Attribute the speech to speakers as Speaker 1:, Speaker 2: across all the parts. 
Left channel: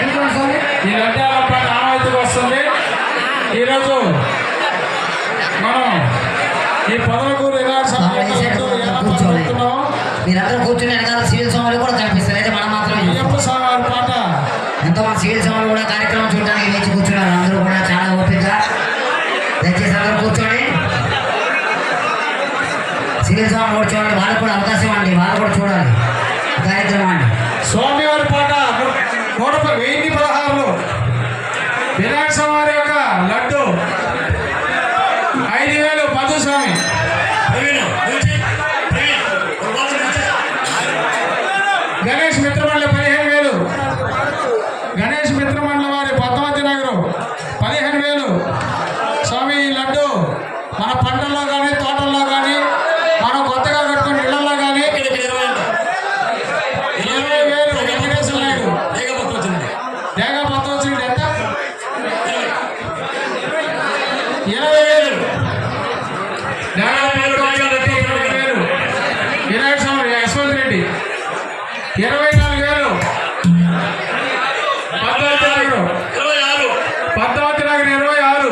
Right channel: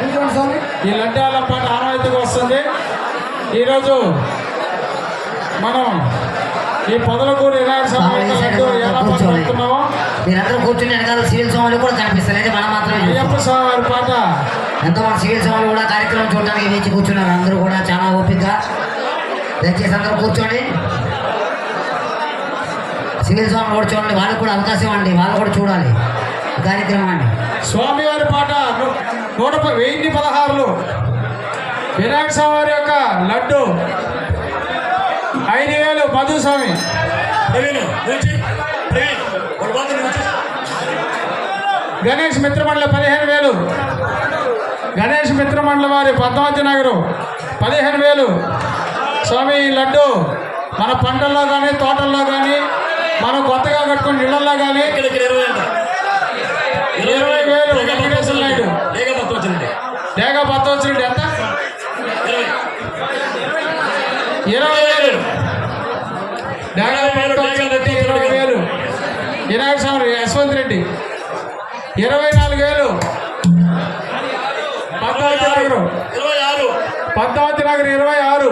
Speaker 1: స్వామి?
Speaker 2: ఈ లడ్డాల పాట ఆనవాయితీకి వస్తుంది. ఈరోజు మనం ఈ పొదలకూరు స్వామి
Speaker 1: మీరందరూ కూర్చుని వెనకాల సివిల్ స్వాములు కూడా కనిపిస్తారు అయితే మనం.
Speaker 2: అయ్యప్ప స్వామి వారి పాట.
Speaker 1: ఎంతోమంది సివిల్ స్వాములు కూడా కార్యక్రమం చూడడానికి వేచి కూర్చున్నారు. అందరూ కూడా చాలా ఓపిక దయచేసి అందరూ కూర్చోండి. సివిల్ కూడా చూడండి. వాళ్ళకు కూడా అవకాశం ఇవ్వండి వాళ్ళు కూడా చూడాలి. కార్యక్రమాన్ని.
Speaker 2: స్వామి నూట వెయ్యి పదహారులు. వినాయక స్వామి యొక్క లడ్డు. ఐదు వేలు మధు స్వామి.
Speaker 3: ప్రవీణ్ నిలిచి. ప్రవీణ్ ఒక వంద నిలిచి.
Speaker 2: గణేష్ మిత్రమండలి పదిహేను వేలు. గణేష్ మిత్రమండలి వారి పద్మావతి నగరం పదిహేను వేలు స్వామి ఈ లడ్డు మన పంటల్లో కానీ తోటల్లో కానీ మనం కొత్తగా కట్టుకున్న ఇళ్ళలో కానీ
Speaker 3: ఇక్కడ ఇక్కడ ఇరవై అంట
Speaker 2: ఇరవై వేలు వెంకటేశ్వర నాయుడు
Speaker 3: ఏక పత్రం వచ్చింది
Speaker 2: ఏక పత్తొచ్చుడు ఎంత
Speaker 3: ఇరవై
Speaker 2: ఇరవై వేలు డేగా పత్తొచ్చుడు ఇరవై వేలు వినాయక స్వామి యశ్వంత్ రెడ్డి ఇరవై నాలుగు వేలు.
Speaker 3: ఇరవై ఆరు.
Speaker 2: పద్మావతి నగర్ ఇరవై ఆరు.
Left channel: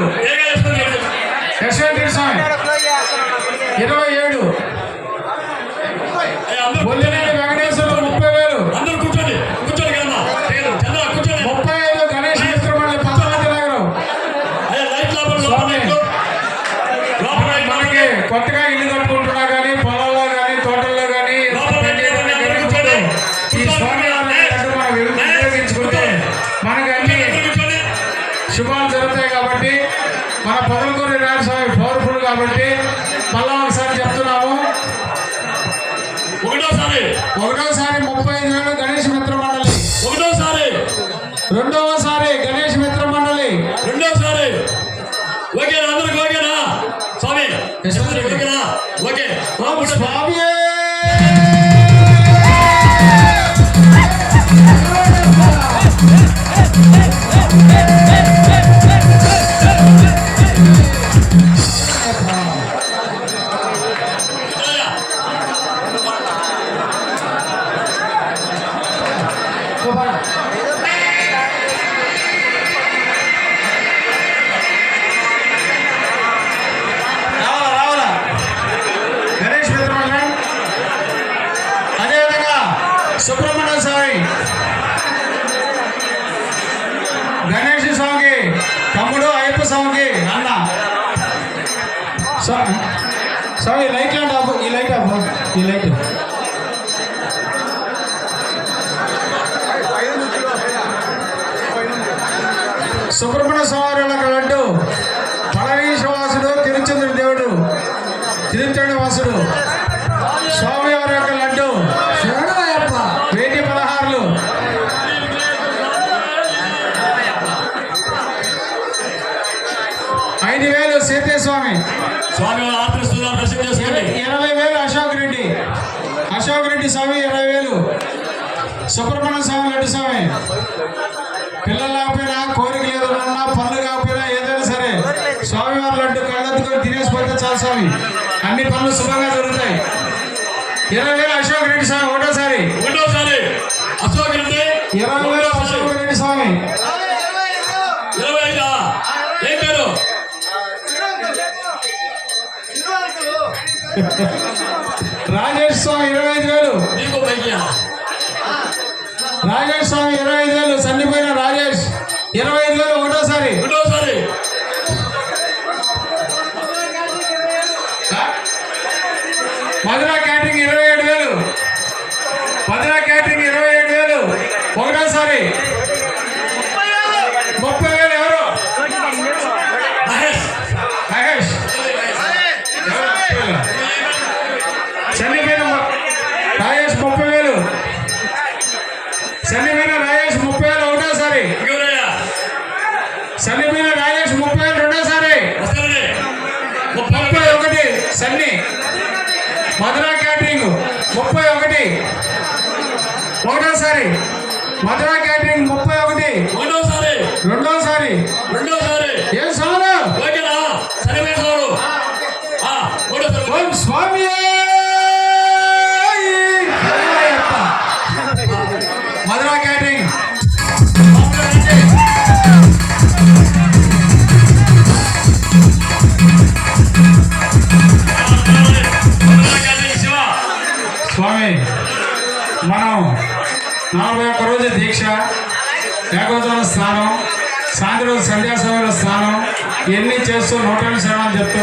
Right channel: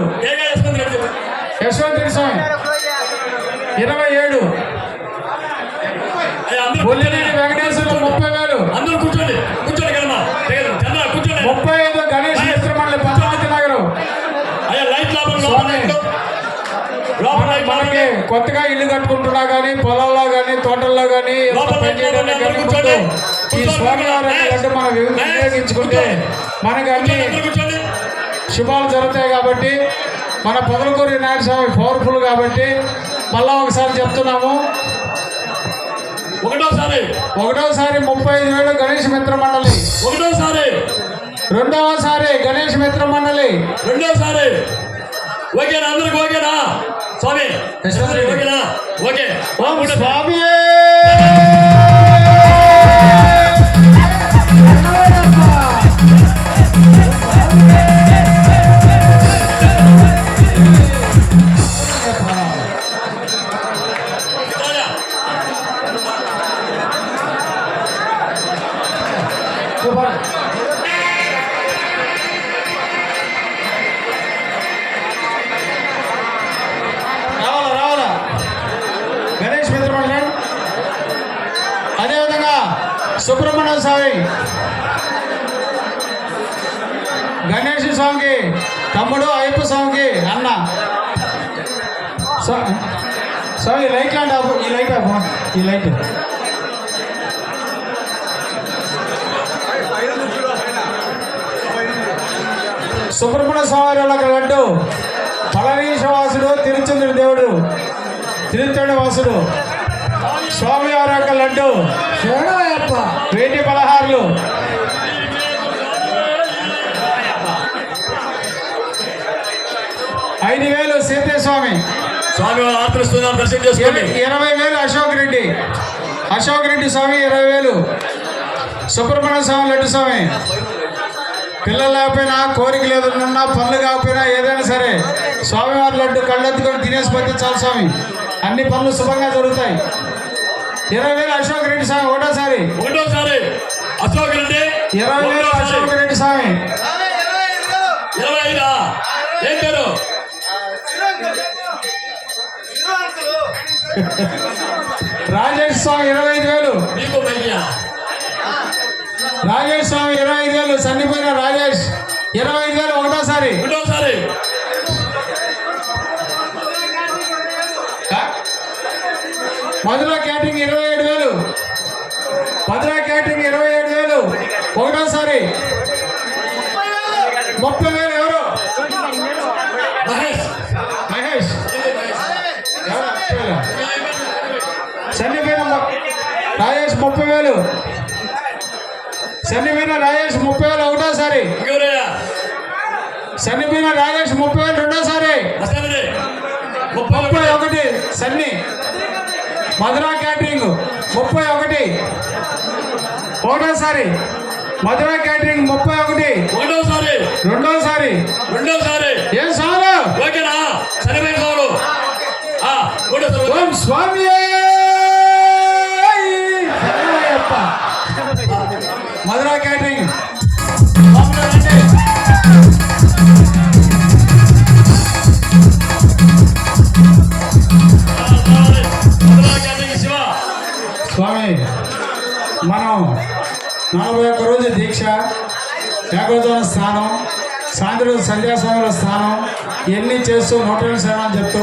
Speaker 2: యశ్వంత్ స్వామి ఇరవై ఏడు. వెంకటేశ్వర ముప్పై వేలు.
Speaker 3: అందరూ కూర్చోండి. కూర్చోండి
Speaker 2: ముప్పై ఐదు గణేష్ మిత్రమండలి పద్మావతి నగరం స్వామి. కొత్తగా ఇల్లు కట్టుకుంటున్నా కానీ పొలాల్లో కానీ తోటల్లో కానీ పని చేయడానికి కట్టుకుంటూ ఈ స్వామి లడ్డు మనం వినియోగించుకుంటే మనకి అన్ని శుభాలు జరుగుతాయి కాబట్టి మన పొదలకూరు వినాయక స్వామి పవర్ఫుల్ కాబట్టి మళ్ళా ఒకసారి చెప్తున్నాము
Speaker 3: ఒకటోసారి
Speaker 2: ఒకటోసారి ముప్పై ఐదు వేలు గణేష్ మిత్ర మండలి
Speaker 3: ఒకటోసారి
Speaker 2: రెండవసారి గణేష్ మిత్ర మండలి
Speaker 3: రెండోసారి ఓకేనా అందరికి ఓకేనా స్వామి ఓకేనా ఓకే
Speaker 2: స్వామి సుబ్రహ్మణ్య స్వామి. గణేష్ స్వామికి తమ్ముడు అయ్యప్ప స్వామికి అన్న. స్వామి ఈ లైట్ అండ్ ఆపు ఈ లైట్ ఆపు ఈ లైట్. సుబ్రహ్మణ్య స్వామి వాళ్ళ లడ్డు తలనీశ్వాసుడు తిరుచంద్రుడి దేవుడు తిరుచండి వాసుడు. స్వామి సీతేస్వామి
Speaker 3: స్వామి. దర్శనం చేసుకోండి.
Speaker 2: ఇర- ఇరవై వేలు అశోక్ రెడ్డి. అశోక్ రెడ్డి స్వామి ఇరవై వేలు. సుబ్రహ్మణ్య స్వామి లడ్డు స్వామి. పిల్లలు లేకపోయినా కోరిక లేదన్నా పనులు కాకపోయినా ఏదైనా సరే. స్వామివారి లడ్డు కళ్ళెత్తుకొని తినేసి పోతే చాలు స్వామి. అన్ని పనులు శుభంగా జరుగుతాయి. ఇరవై వేలు అశోక్ రెడ్డి స్వామి ఒకటోసారి.
Speaker 3: ఒకటోసారి అశోక్ రెడ్డి
Speaker 2: రాజేష్ స్వామి ఇరవై ఐదు చనిపోయిన రాజేష్ ముప్పై వేలు రెండోసారి.
Speaker 3: ముప్పై
Speaker 2: ఒకటి. సన్ని. మధుర క్యాటరింగ్. ముప్పై ఒకటి. ఒకటోసారి మధుర క్యాటరింగ్ ముప్పై ఒకటి.
Speaker 3: ఒకటోసారి
Speaker 2: రెండోసారి.
Speaker 3: రెండోసారి.
Speaker 2: ఏకోదన స్నానం సాయంత్రం సంధ్యా స్నానం ఇవన్నీ చేస్తూ నూటల సేవలు చెప్తూ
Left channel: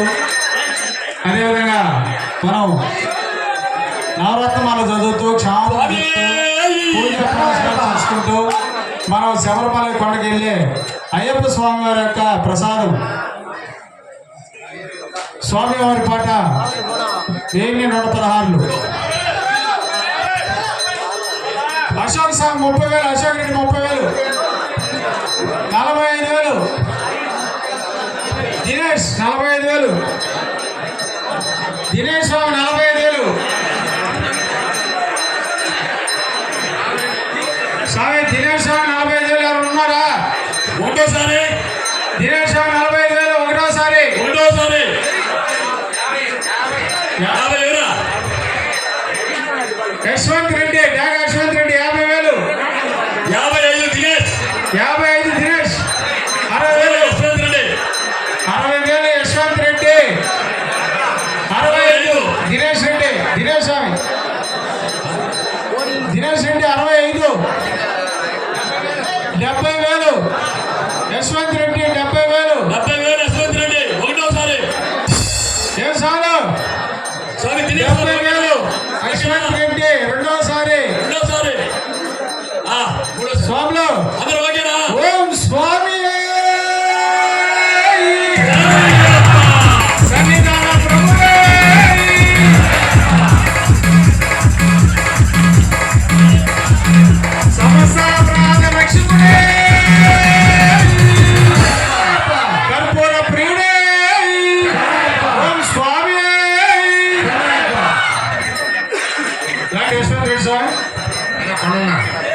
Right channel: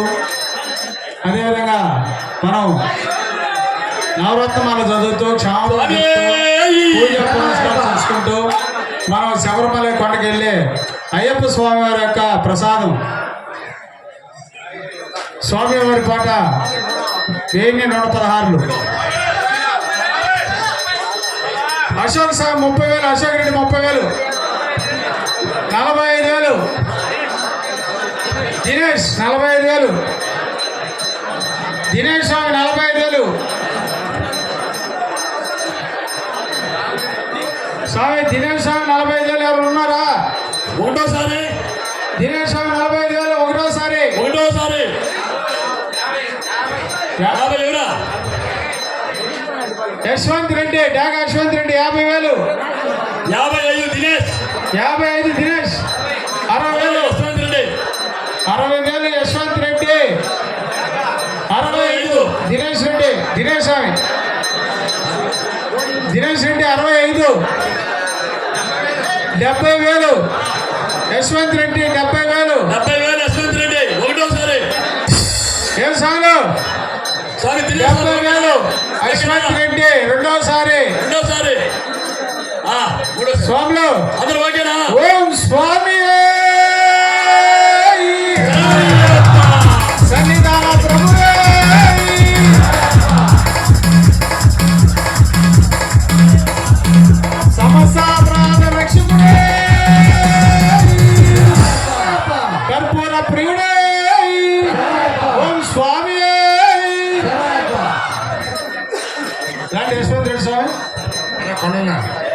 Speaker 2: అదేవిధంగా మనం నవరత్నాలు చదువుతూ క్షమాపణ పూజ చేసుకుంటూ మనం శబరిమల కొండకి వెళ్ళి అయ్యప్ప స్వామి వారి యొక్క ప్రసాదం. స్వామి వారి పాట ఏమి నూట పదహారులు. అశోక్ సార్ ముప్పై వేలు అశోక్ రెడ్డి ముప్పై వేలు. నలభై ఐదు వేలు. దినేష్ నలభై ఐదు వేలు. దినేష్ స్వామి నలభై ఐదు వేలు. స్వామి దినేష్ స్వామి నలభై ఐదు వేలు. ఎవరు ఉన్నారా?
Speaker 3: ఒకటోసారి
Speaker 2: దినేష్ స్వామి నలభై ఐదు వేలు. ఒకటోసారి.
Speaker 3: ఒకటోసారి యాభై ఎవరా
Speaker 2: యశ్వంత్ రెడ్డి డాగా యశ్వంత్ రెడ్డి యాభై వేలు.
Speaker 3: యాభై ఐదు దినేష్.
Speaker 2: యాభై దినేష్
Speaker 3: రెడ్డి
Speaker 2: అరవై ఐదు. డెబ్బై వేలు. యశ్వంత్ రెడ్డి లాంటి యశ్వంత్ రెడ్డి స్వామి
Speaker 1: కొనున్నా